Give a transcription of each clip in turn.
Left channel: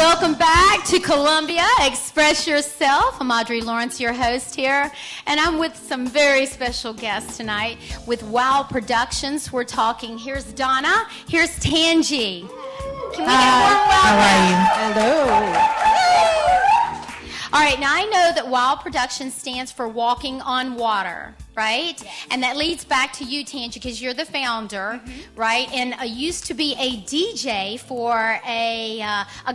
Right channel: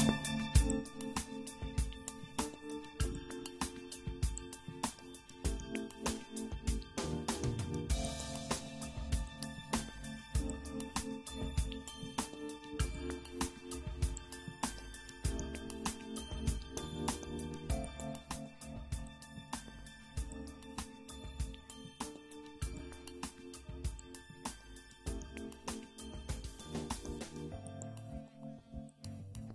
Welcome back to Columbia. Express Yourself. I'm Audrey Lawrence, your host here, and I'm with some very special guests tonight with WOW Productions. We're talking. Here's Donna. Here's Tangi. Can we get a warm welcome? How are you? Hello. All right, now I know that WOW Productions stands for Walking on Water, right? Yes. And that leads back to you, Tangi, because you're the founder, right? And used to be a DJ for a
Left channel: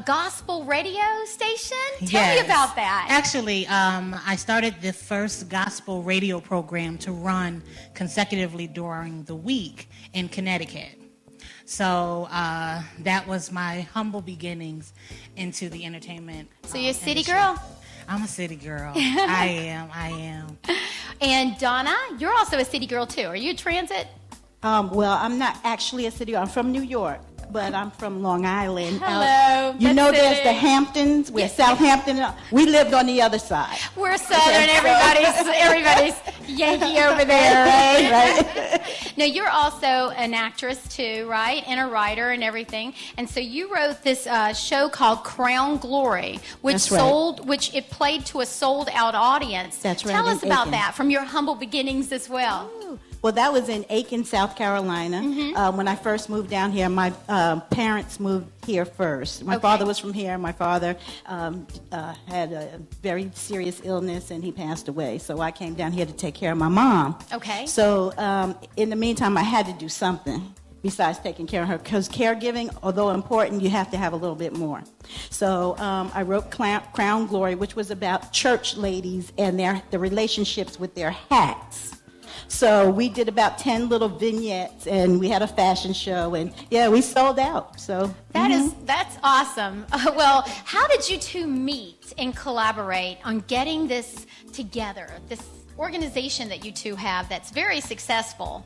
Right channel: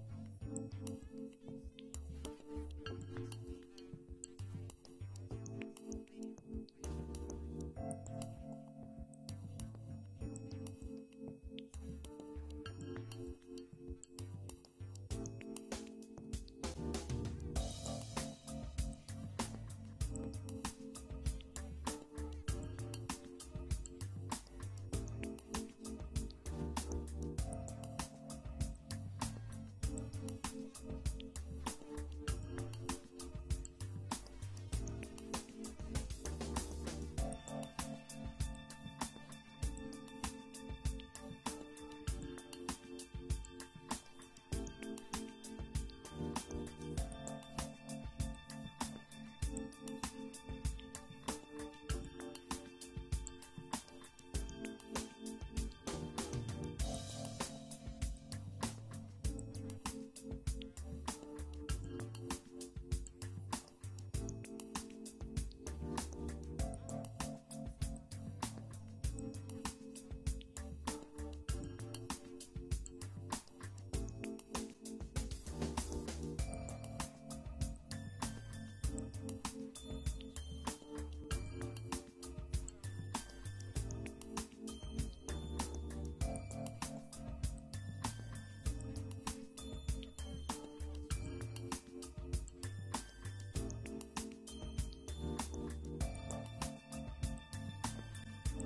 gospel radio station. Tell me about that. Actually, I started the first gospel radio program to run consecutively during the week in Connecticut. So that was my humble beginnings into the entertainment. So you're a city girl? I'm a city girl. I am. And Donna, you're also a city girl too. Are you a transit? Well, I'm not actually a city girl. I'm from New York, but I'm from Long Island. Hello. You know there's the Hamptons, where Southampton, we lived on the other side. We're Southern, everybody's Yankee over there, right? Now, you're also an actress too, right? And a writer and everything. And so you wrote this show called Crown Glory, which which it played to a sold-out audience. That's right. Tell us about that from your humble beginnings as well. Well, that was in Aiken, South Carolina. When I first moved down here, my parents moved here first. My father was from here. My father had a very serious illness, and he passed away. So I came down here to take care of my mom. Okay. So in the meantime, I had to do something besides taking care of her, because caregiving, although important, you have to have a little bit more. So I wrote Crown Glory, which was about church ladies and the relationships with their hats. So we did about 10 little vignettes, and we had a fashion show, and yeah, we sold out. So that's awesome. Well, how did you two meet and collaborate on getting this together? This organization that you two have that's very successful.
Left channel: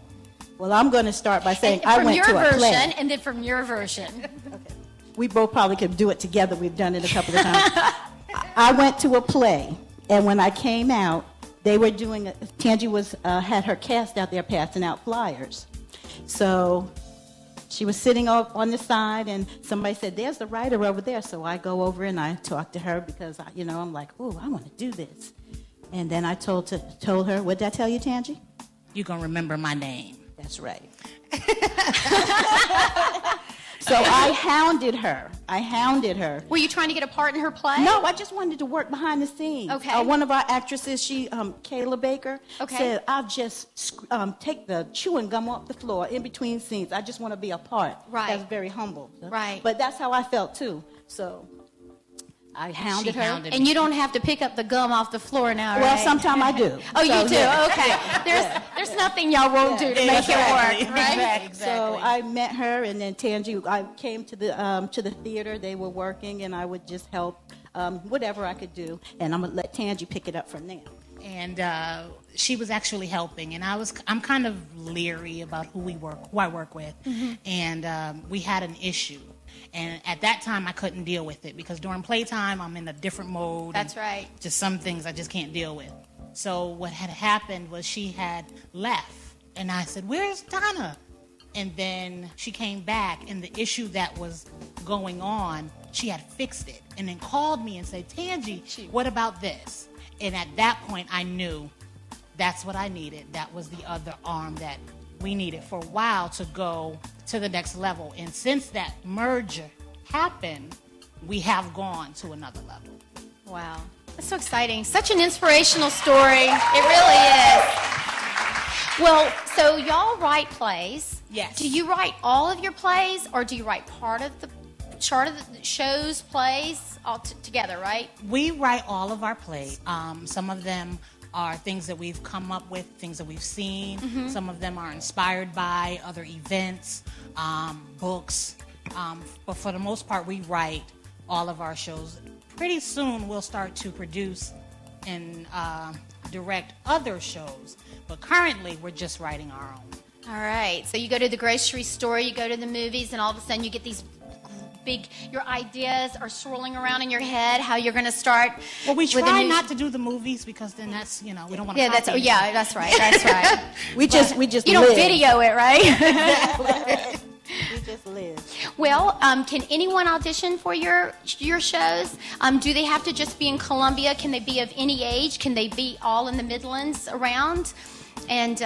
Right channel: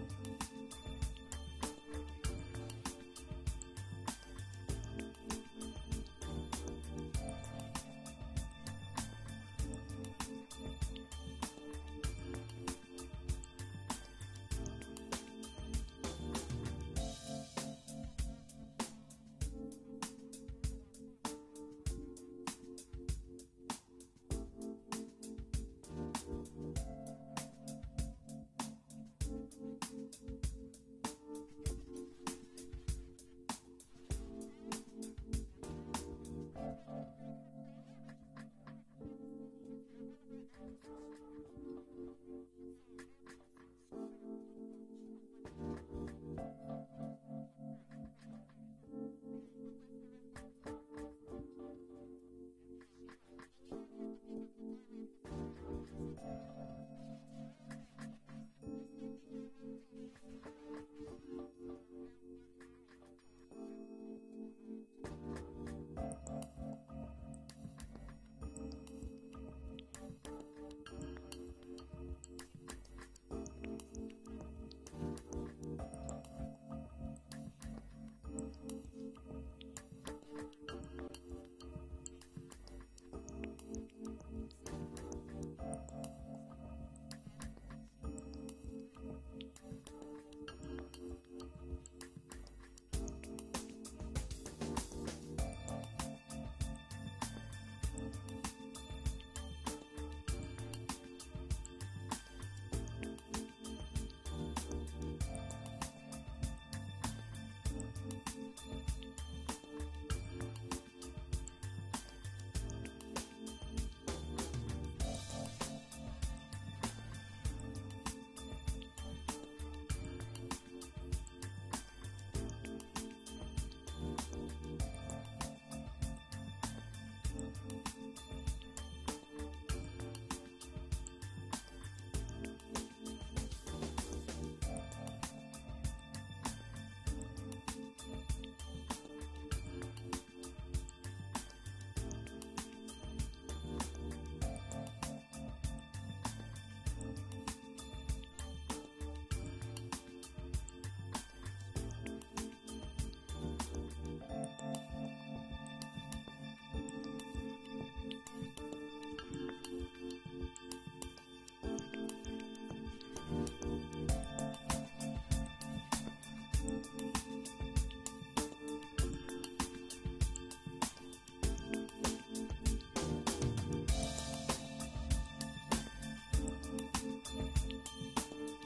Well, I'm going to start by saying I went to a play. From your version, and then from your version. Okay. We both probably could do it together. We've done it a couple of times. I went to a play, and when I came out, they were doing, Tangi had her cast out there passing out flyers. So she was sitting on the side, and somebody said, there's the writer over there. So I go over and I talk to her because, I'm like, oh, I want to do this. And then I told her, what did I tell you, Tangi? You're going to remember my name. That's right. So I hounded her. Were you trying to get a part in her play? No, I just wanted to work behind the scenes. Okay. One of our actresses, Kayla Baker, said, I'll just take the chewing gum off the floor in between scenes. I just want to be a part. Right. That's very humble. Right. But that's how I felt, too. So I hounded her. And you don't have to pick up the gum off the floor now, right? Well, sometimes I do. Oh, you do? Yeah. Okay. There's nothing y'all won't do to make it work, right? Exactly. So I met her, and then Tangi, I came to the theater. They were working, and I would just help whatever I could do. And I'm going to let Tangi pick it up from there. And she was actually helping, and I'm kind of leery about who I work with. And we had an issue. And at that time, I couldn't deal with it because during playtime, I'm in a different mode. That's right. Just some things I just can't deal with. So what had happened was she had left. And I said, where's Donna? And then she came back, and the issue that was going on, she had fixed it. And then called me and said, Tangi, what about this? And at that point, I knew that's what I needed. That was the other arm that we needed for a while to go to the next level. And since that merger happened, we have gone to another level. Wow. That's so exciting. Such an inspirational story. It really is. Well, so y'all write plays. Yes. Do you write all of your plays, or do you write part of the shows, plays, all together, right? We write all of our plays. Some of them are things that we've come up with, things that we've seen. Some of them are inspired by other events, books. But for the most part, we write all of our shows. Pretty soon, we'll start to produce and direct other shows. But currently, we're just writing our own. All right. So you go to the grocery store, you go to the movies, and all of a sudden you get these your ideas are swirling around in your head, how you're going to start. Well, we try not to do the movies because then that's, we don't want to. Yeah, that's right. we just you don't video it, right? Exactly. We just live. Well, can anyone audition for your shows? Do they have to just be in Columbia? Can they be of any age? Can they be all in the Midlands around? And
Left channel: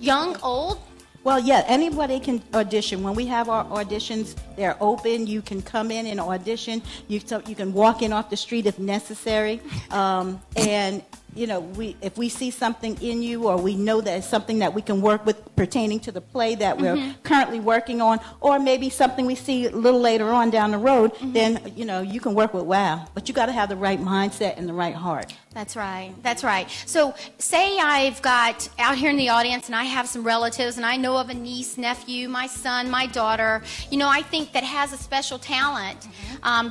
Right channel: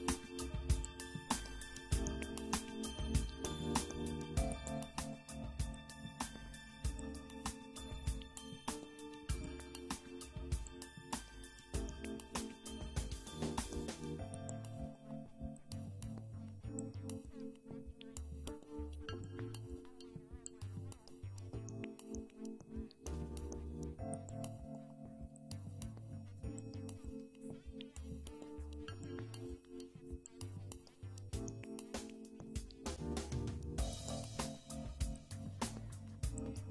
young, old? Well, yeah, anybody can audition. When we have our auditions, they're open. You can come in and audition. You can walk in off the street if necessary. And you know, if we see something in you, or we know that it's something that we can work with pertaining to the play that we're currently working on, or maybe something we see a little later on down the road, then, you know, you can work with WOW. But you got to have the right mindset and the right heart. That's right. That's right. So say I've got out here in the audience and I have some relatives and I know of a niece, nephew, my son, my daughter, you know, I think that has a special talent.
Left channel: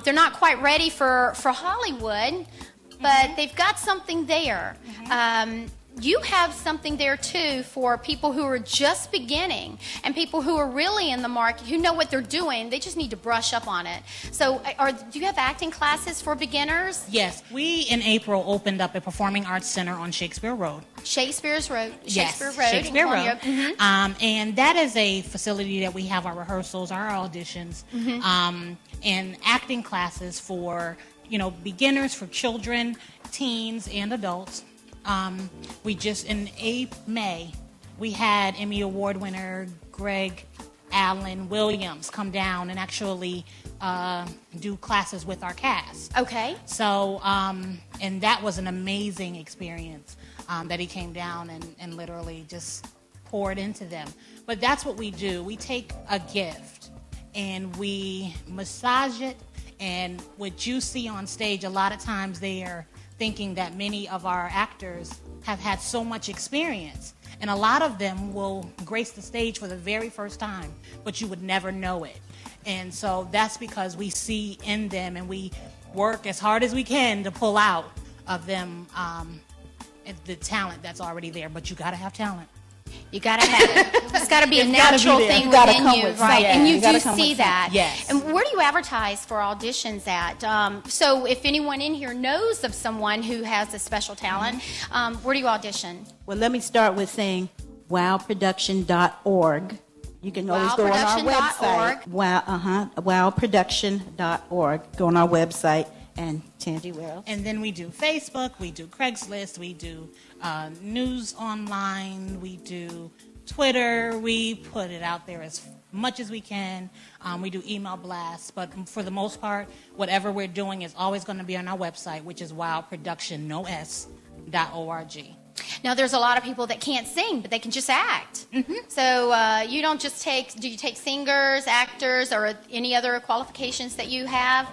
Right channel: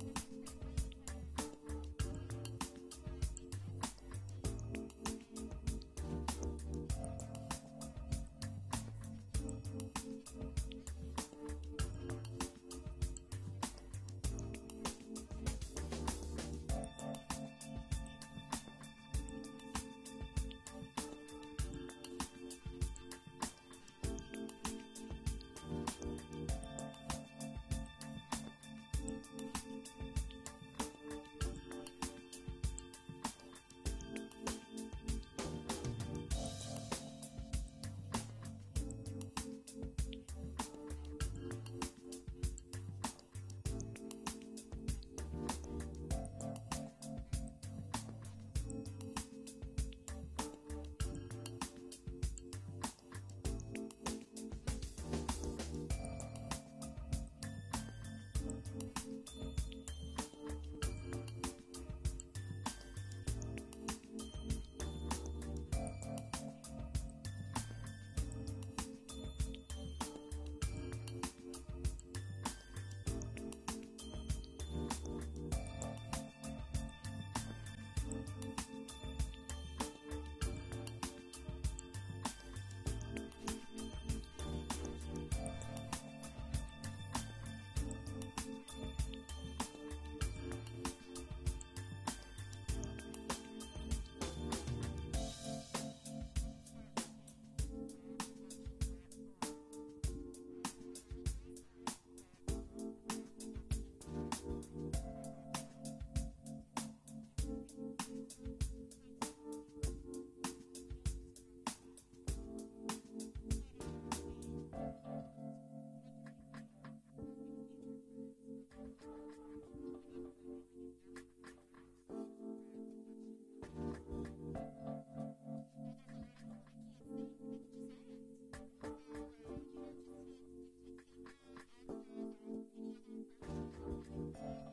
They're not quite ready for Hollywood, but they've got something there. You have something there too for people who are just beginning and people who are really in the market, who know what they're doing. They just need to brush up on it. So do you have acting classes for beginners? Yes. We, in April, opened up a performing arts center on Shakespeare Road. Shakespeare Road. Shakespeare Road. And that is a facility that we have our rehearsals, our auditions, and acting classes for, you know, beginners, for children, teens, and adults. We just, in May, we had Emmy Award winner Greg Allen Williams come down and actually do classes with our cast. Okay. So, and that was an amazing experience that he came down and literally just poured into them. But that's what we do. We take a gift and we massage it, and what you see on stage, a lot of times they are thinking that many of our actors have had so much experience, and a lot of them will grace the stage for the very first time, but you would never know it. And so that's because we see in them, and we work as hard as we can to pull out of them the talent that's already there. But you got to have talent. You got to have it. It's got to be a natural thing within you, right? Yeah, and you do see that. Yes. And where do you advertise for auditions at? So if anyone in here knows of someone who has a special talent, where do you audition? Well, let me start with saying wowproduction.org. You can always go on our website. Wowproduction.org. Go on our website. And Tangi, where else? And then we do Facebook, we do Craigslist, we do news online, we do Twitter. We put it out there as much as we can. We do email blasts, but for the most part, whatever we're doing is always going to be on our website, which is wowproduction.org. Now, there's a lot of people that can't sing, but they can just act. So you don't just do you take singers, actors, or any other qualifications that you have?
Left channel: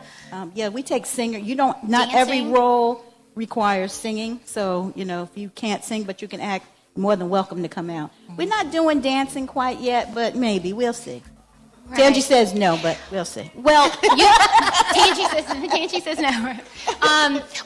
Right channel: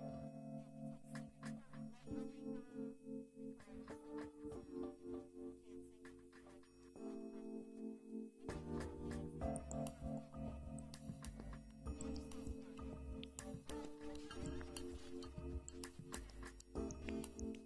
Yeah, we take singer. Not Dancing? every role requires singing. So, you know, if you can't sing but you can act, more than welcome to come out. We're not doing dancing quite yet, but maybe. We'll see. Right. Tangi says no, but we'll see. Well, Tangi says no.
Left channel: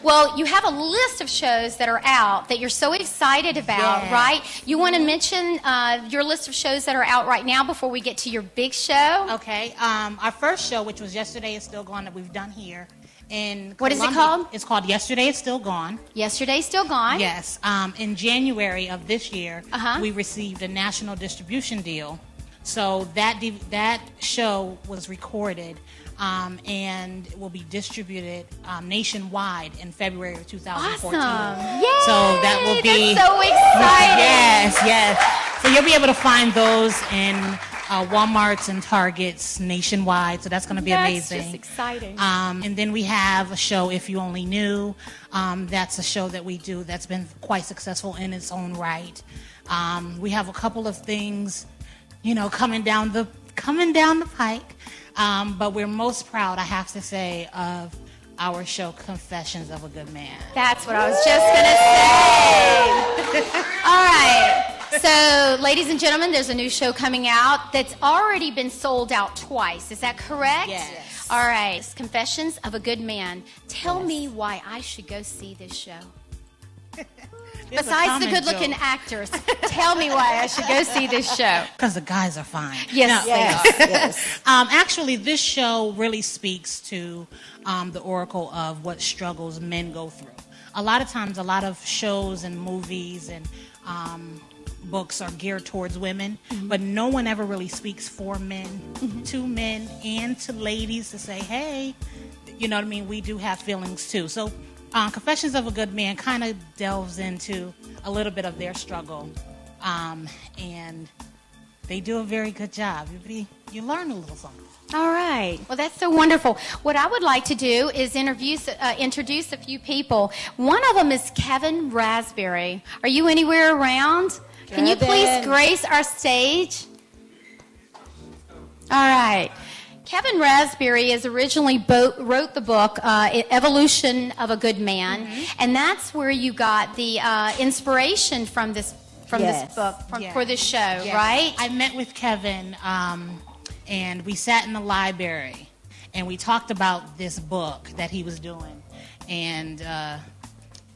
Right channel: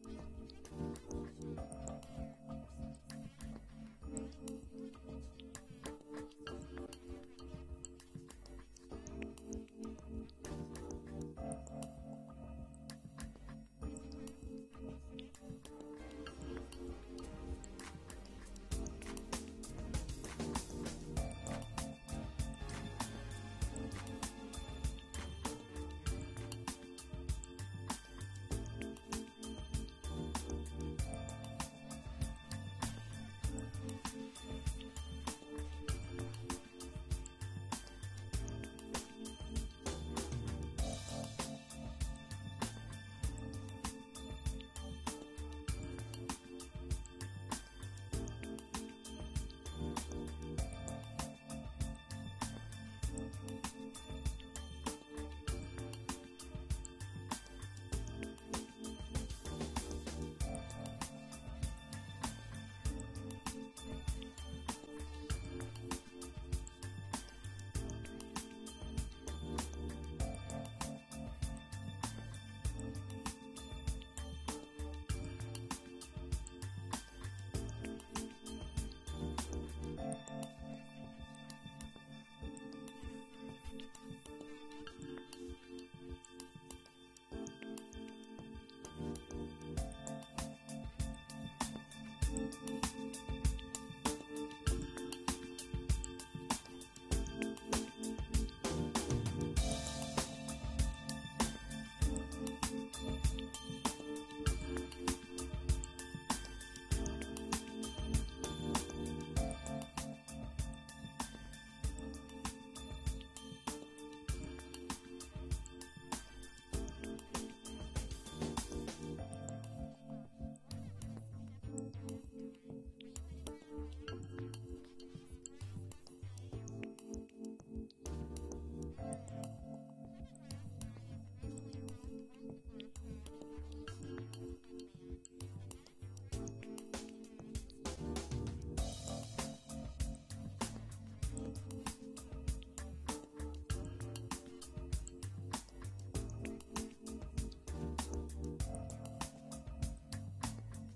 Well, you have a list of shows that are out that you're so excited about, right? You want to mention your list of shows that are out right now before we get to your big show? Okay. Our first show, which was Yesterday Is Still Gone, that we've done here in What Columbia. is it called? It's called Yesterday Is Still Gone. Yesterday's Still Gone. Yes. In January of this year, we received a national distribution deal. So that show was recorded and will be distributed nationwide in February of 2014. Awesome. Yay! So that will be... That's so exciting. Yes. So you'll be able to find those in Walmarts and Targets nationwide. So that's going to be amazing. That's just exciting. And then we have a show, If You Only Knew. That's a show that we do that's been quite successful in its own right. We have a couple of things, you know, coming down the pike. But we're most proud, I have to say, of our show, Confessions of a Good Man. That's what I was just going to say. All right. So, ladies and gentlemen, there's a new show coming out that's already been sold out twice. Is that correct? Yes. All right. Confessions of a Good Man. Tell me why I should go see this show. Besides the good-looking actors, tell me why I should go see this show. Because the guys are fine. Yes, no, they are. Yes. Actually, this show really speaks to the oracle of what struggles men go through. A lot of times, a lot of shows and movies and books are geared towards women, but no one ever really speaks for men, to men, and to ladies to say, hey, you know what I mean? We do have feelings too. So Confessions of a Good Man kind of delves into a little bit of their struggle, and they do a very good job. You learn a little something. All right. Well, that's so wonderful. What I would like to do is introduce a few people. One of them is Kevin Raspberry. Are you anywhere around? Can you please grace our stage? All right. Kevin Raspberry is originally wrote the book Evolution of a Good Man, and that's where you got the inspiration from this book for this show, right? I met with Kevin, and we sat in the library, and we talked about this book that he was doing, and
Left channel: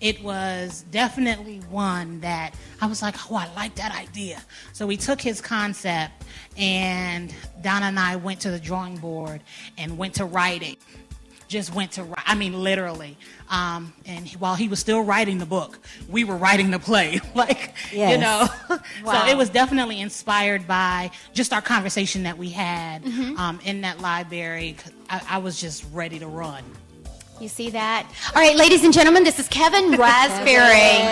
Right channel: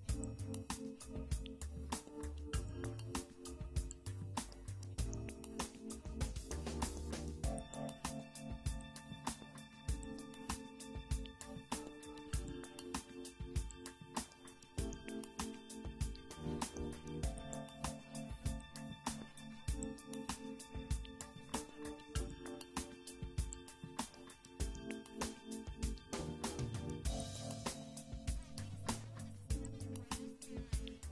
it was definitely one that I was like, oh, I like that idea. So we took his concept, and Donna and I went to the drawing board and went to writing. Just went to write, I mean, literally. And while he was still writing the book, we were writing the play, you know. Wow. So it was definitely inspired by just our conversation that we had in that library. I was just ready to run. You see that? All right, ladies and gentlemen, this is Kevin Raspberry.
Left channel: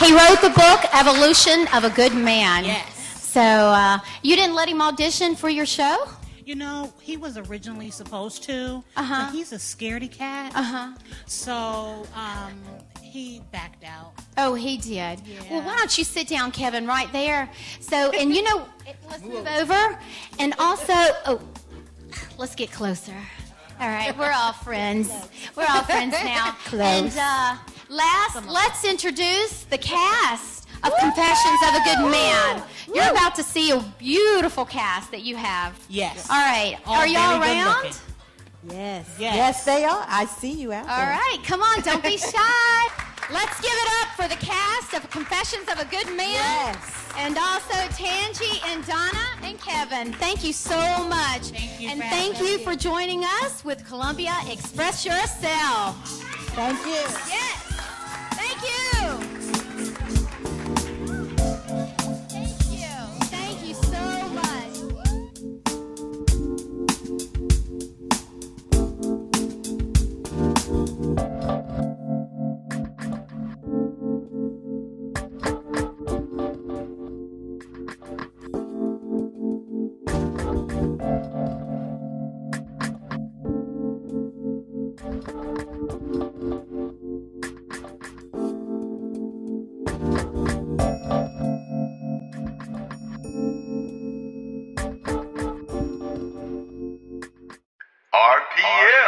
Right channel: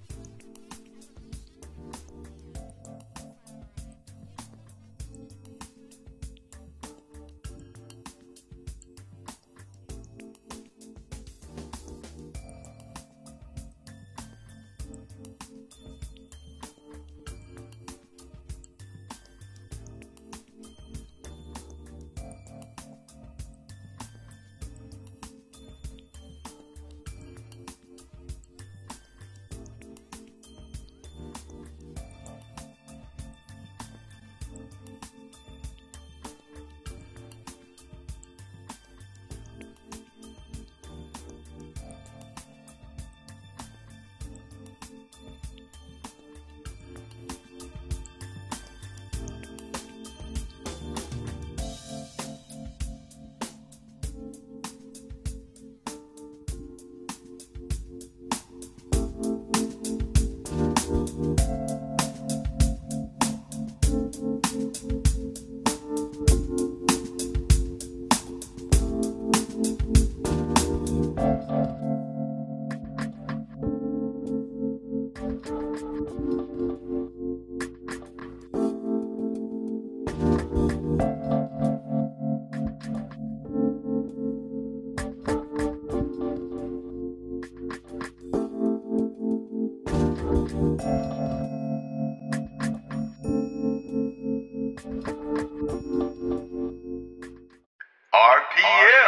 He wrote the book Evolution of a Good Man. Yes. So you didn't let him audition for your show? You know, he was originally supposed to, but he's a scaredy cat. So he backed out. Oh, he did. Yeah. Well, why don't you sit down, Kevin, right there? So, and you know, let's move over. And also, let's get closer. All right, we're all friends. We're all friends now. Close. And let's introduce the cast of Confessions of a Good Man. You're about to see a beautiful cast that you have. Yes. All right. All Are y'all very good around? looking. Yes. Yes. Yes, they are. I see you out All there. right. Come on. Don't be shy. Let's give it up for the cast of Confessions of a Good Man. Yes. And also Tangi and Donna and Kevin. Thank you so much. Thank you and for thank having you us. for joining us with Columbia Express Yourself. Thank you. Yes. Thank you. Thank you so much. RPM.